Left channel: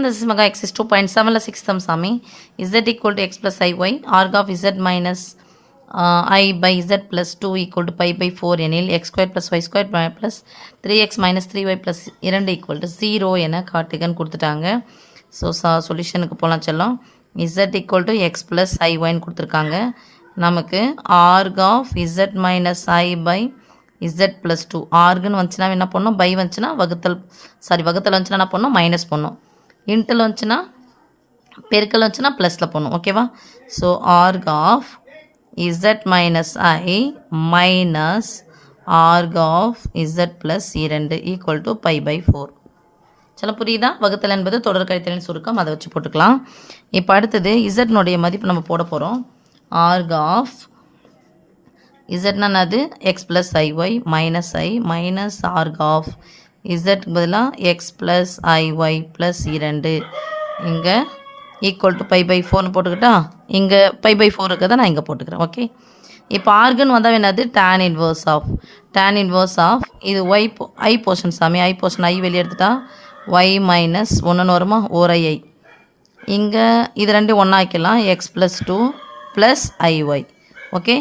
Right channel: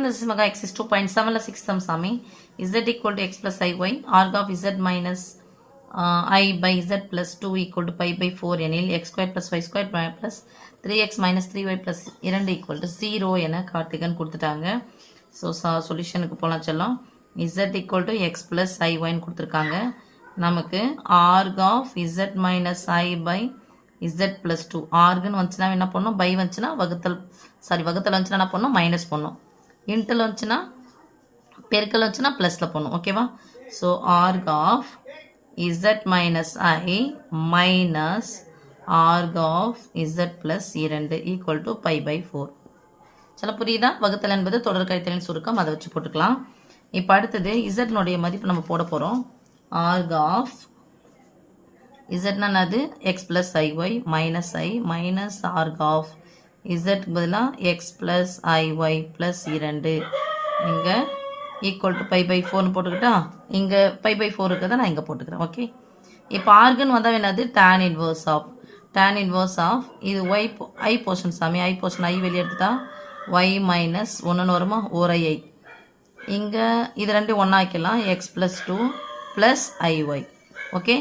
This is mega x is 2.7 6 sum sami z equal to x plus iy arg of z minus I by z plus 2 equal to pi by 4 எனில் x square plus y square plus 3x minus 3y plus 2 equal to 0 என காட்டுகன்னு கொடுத்துட்டாங்க. So சொல்யூஷனுக்கு போகலாம் செல்லம். z equal to x plus iy கொடுத்துருக்காங்க. நமக்கு arg of z minus I by z plus 2 argன்னு வந்துச்சுன்னா என்ன பண்ணணும், பை வந்துச்சுன்னா வகுத்தல் வந்துச்சுன்னா என்ன பண்ணணும், மைனஸ் பண்ணணும். இன்ட்டில் வந்துச்சுன்னா பெருக்கல் வந்துச்சுன்னா ப்ளஸில் போடணும். ஓகேவா? So arc of Z minus I minus arc of Z plus 2 equal to pi by 4. சில புரியுதா? வகுத்தல் என்பது தொடர் கழித்தலின் சுருக்கம், அதை வச்சு போட்டுக்கலாம். இப்போ அடுத்தது இசட்னுடைய மதிப்பு நம்ம போட போகிறோம். ஆர்க் ஆஃப் இசட்னா அது X plus I Y minus I minus arc of Z பதிலாக எக்ஸ் ப்ளஸ் ஐஒய் ப்ளஸ் 2 இங்கே ஈக்குவல் டு பை பை 4னு போட்டுக்கிட்டா இங்கே பை பை 4 இருக்கிறத நான் இங்கே போட்டுக்கிறேன். ஓகே, இப்போ ஆர்கன் வந்தால் என்னது, டேன் இன்வர்ஸ் ஆஃப் இது ஒய் ஐ போர்ஷன் சாமி, ஐ போர்ஷன் ஐ வெளியே எடுத்துட்டா ஒய் மைனஸ் 1ன்னு வருமா, ஓர் ஐ. இங்கே இது ரெண்டு ஒன்றா ஆக்கிடலாம், எக்ஸ் ப்ளஸ் 2 ப்ளஸ் ஐஒய். ஓகே,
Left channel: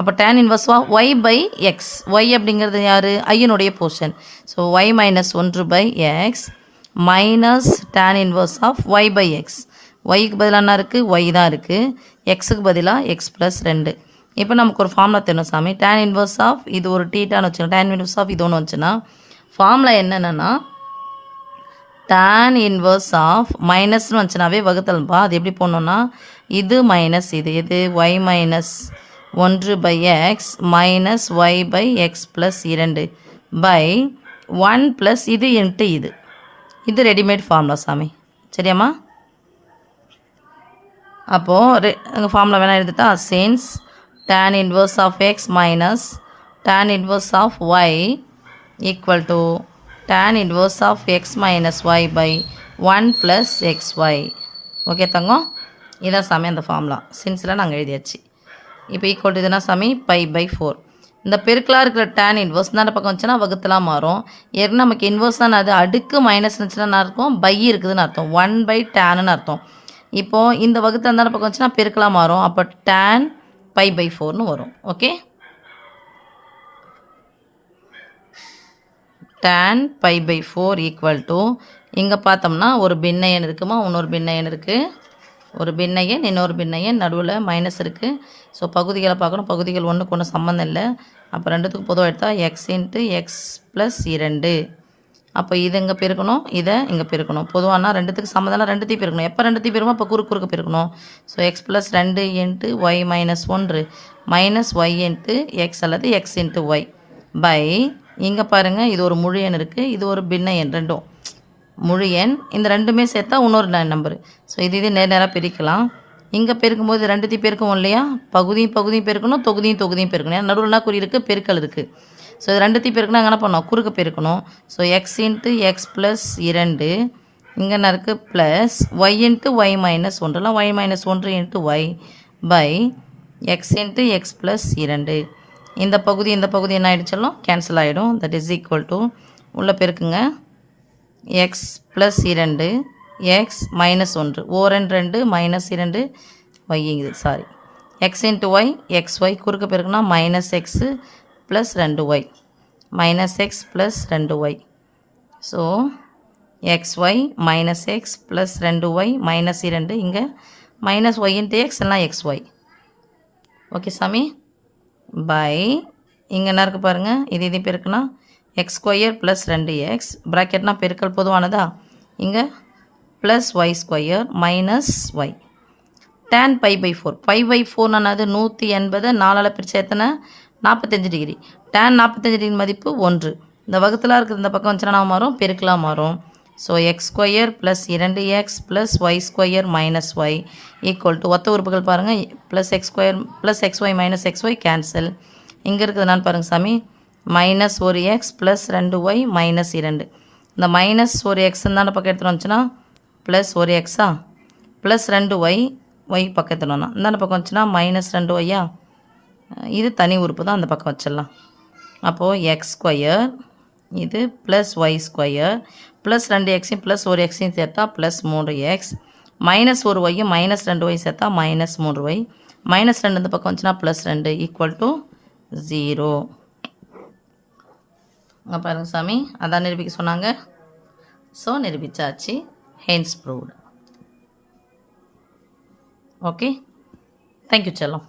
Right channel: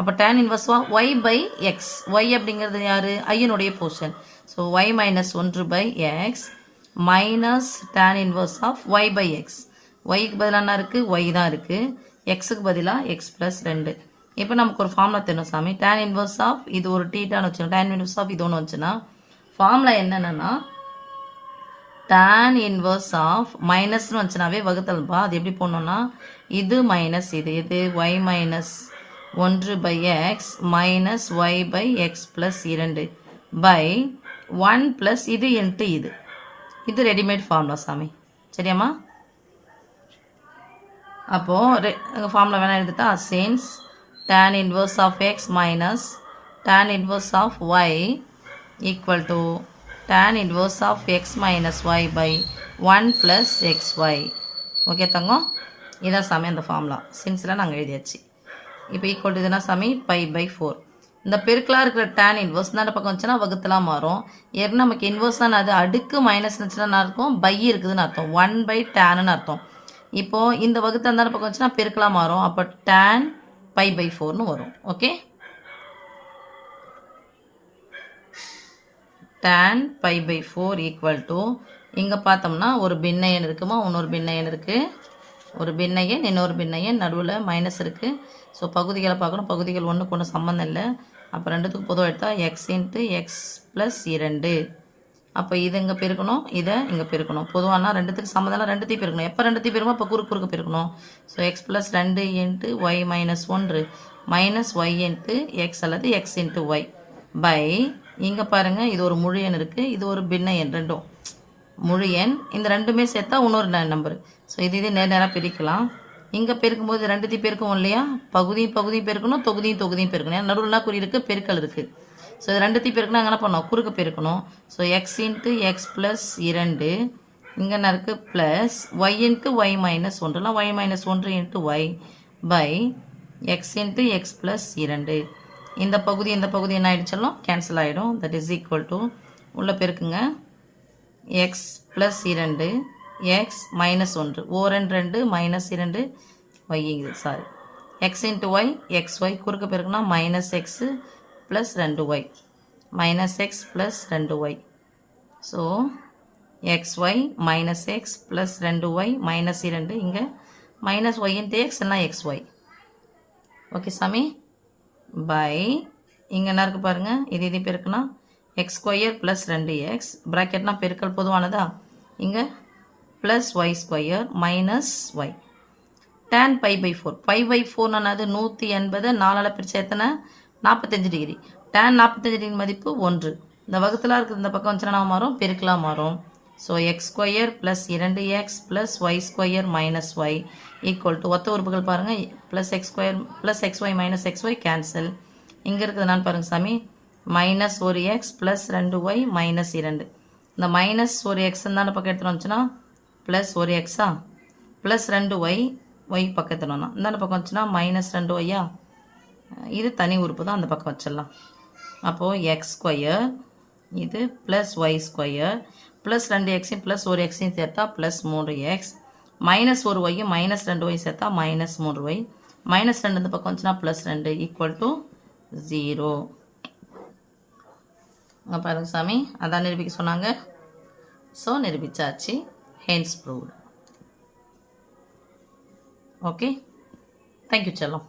அப்போ tan inverse of y by x, y அப்படிங்கிறது யார், ஐயனுடைய portion. So y minus 1 by x minus tan inverse of y by x. ஒய்க்கு பதிலாக என்ன இருக்குது, ஒய் தான் இருக்குது, எக்ஸுக்கு பதிலாக எக்ஸ் ப்ளஸ் 2. இப்போ நமக்கு ஒரு ஃபார்முலா தெரியணும் சாமி. டேன் இன்வர்ஸ் ஆஃப் இது ஒரு டீட்டான்னு வச்சுக்கோங்க, டேன் இன்வர்ஸ் ஆஃப் இது ஒன்று வந்துச்சுன்னா ஃபார்முலா என்னென்னா டேன் இன்வர்ஸ் ஆஃப் மைனஸ்னு வந்துச்சுனாவே வகுத்தல்பா. அது எப்படி போடணுன்னா இது மைனஸ் இது y minus 1 by x minus y by x plus 2 by 1 plus இது இன்ட்டு இது ரெடிமேட் ஃபார்முலா சாமி. சரியாம்மா? அப்போது எங்கள் ஃபார்முலா வேணால் எழுதிட்டா since tan inverse of x minus tan inverse of y equal to tan inverse of x minus y by 1 plus x y. Okay தங்கம், இதான் சாமி அந்த ஃபார்முலா. சின்ஸில் நாங்கள் எழுதியாச்சு. இப்போ ஈக்குவல் டு இதுனா சாமி பை பை 4. இந்த பெருக்கலாக இருக்கிற டேன் இன்வர்ஸ் தான் பக்கம் வந்துச்சுன்னா வகுத்தலாம் மாறும். ஏற்கனவே நமக்கு இன்வர்ஸ் தான், அது அடுக்கு மைனஸ் இருந்துச்சுன்னா அர்த்தம் பை இருக்குதுன்னு அர்த்தம், 1 பை டேனுன்னு அர்த்தம். இப்போது இந்த வகுத்து அந்த பக்கம் வந்துச்சுன்னா பெருக்கலாக மாறும், அப்போ டேன் பை பை 4னு வரும். Okay, tan pi by 4 equal to இங்கே பார்த்தோம்னா ஒரு பின்ன எண் இருக்குமா, இன்னொரு பின்ன எண் இருக்குது, ஒரு பின்ன எண் இன்னொரு பின்ன எண், நடுவில் மைனஸ் இருக்குது. ஸோ பகுதிகளை பார்க்கணும், பகுதிகள் ஒன்றுக்கு ஒன்று சம்மந்தம் இல்லை. அப்போ ரெண்டுத்துக்கு பொதுவாக எடுத்தால் எக்ஸ் இன்ட்டு எக்ஸ் ப்ளஸ் 2. அப்போ இது இங்கே பெருக்கணும், இதை இங்கே பெருக்கணும். பொதுவானா ரெண்டுத்துக்கு சம்மந்தம் ரெண்டுத்தையும் பெருக்கணும். எப்போ ரெண்டுத்தையும் பெருக்கணும், அப்போ குறுக்கு பெருக்கணும். So x plus 2 into y minus 1 minus y into x அல்லது எக்ஸ் இன்ட்டு ஒய் பை இங்கே பாருங்கள் இது ஒரு முழு எண் இருக்குது, இது ஒரு பின்ன எண், ரெண்டும் முழு எண். இந்த ரெண்டுமே சேர்த்தா இன்னொரு நம்பரு. ஸோ இது நேராக பிரிக்கலாம். இங்கே பெருக்கும்போது ரெண்டுத்தையும் பெருக்குவோம் இல்லையா, பகுதியும் பெருக்கணும், தொகுதியும் பெருக்கணும். ஏன்னா நடுவுலனா குறி இருக்குது, பெருக்கல் இருக்குது. ஸோ இது ரெண்டுத்தையும் பெருக்கணும், அங்கே என்ன பண்ணோம், குறுக்கு பெருக்கணும். So x into x plus 2 இங்கே என்ன இருக்குது plus y into y minus 1 y minus 1 into y by x into x plus 2. இந்த பகுதி என்ன ஆகிடுச்சாலும் கேன்சல் ஆகிடும். தட் இஸ் ஈக்குவல் டு உள்ளே பெருக்குங்க, எக்ஸ் ப்ளஸ் 2 எக்ஸ் மைனஸ் 1 ஓரன் 2 மைனஸ் 2 ஒய்ங்குது, sorry x into y x y குறுக்க பெருக்குனா minus x plus 2 y minus x plus 2 Y. So x y minus x plus 2 y minus 2 இங்கே minus y into x எல்லாம் x y. Okay சாமி, பை இங்கே என்ன இருக்குது பாருங்கள், இது பெருக்குனா எக்ஸ் ஸ்கொயர் ப்ளஸ் 2x ப்ராக்கெட்னா பெருக்கல் பொதுவானதா, இங்கே plus y square minus y. Tan pi by 4 pi by 4 180 4ஆல் பிரித்து எத்தனை 45 டிகிரி. டேன் 45 டிகிரி மதிப்பு 1. இந்த வகுத்தலாக இருக்கிற இந்த பக்கம் வந்துச்சுன்னா மாறும், பெருக்கலாக மாறும். So x square plus 2x plus y square minus y equal to ஒத்த உறுப்புகள் பாருங்கள், plus x square plus x y minus x y cancel. இங்கே இருக்கிறதுனால பாருங்கள் சாமி மைனஸ் ஒரு எக்ஸ் ப்ளஸ் 2 ஒய் மைனஸ் 2. இந்த மைனஸ் ஒரு எக்ஸ் தான் பக்கம் எடுத்துகிட்டு வந்துச்சுன்னா ப்ளஸ் ஒரு எக்ஸா ப்ளஸ் 2 ஒய் பக்கம் எடுத்துனோன்னா இந்த பக்கம் வந்துச்சுன்னா மைனஸ் 2 ஒய்யா, இது தனி உறுப்பு தான், அந்த பக்கம் வச்சிடலாம். அப்போது எக்ஸ் ஸ்கொயர் இது plus y square plus 2x plus 1x சேர்த்தா plus 3x, minus 1y minus 2y சேர்த்தா மைனஸ் 3y, மைனஸ் 2 இந்த பக்கம் வந்துச்சுன்னா ப்ளஸ் 2 ஈக்குவல் டு 0. பாருங்க சாமி, அதான் நிரூபிக்க சொன்னாங்க. ஸோ நிரூபிச்சாச்சு. Hence proved. ஓகே, தேங்க்யூ செல்லம்.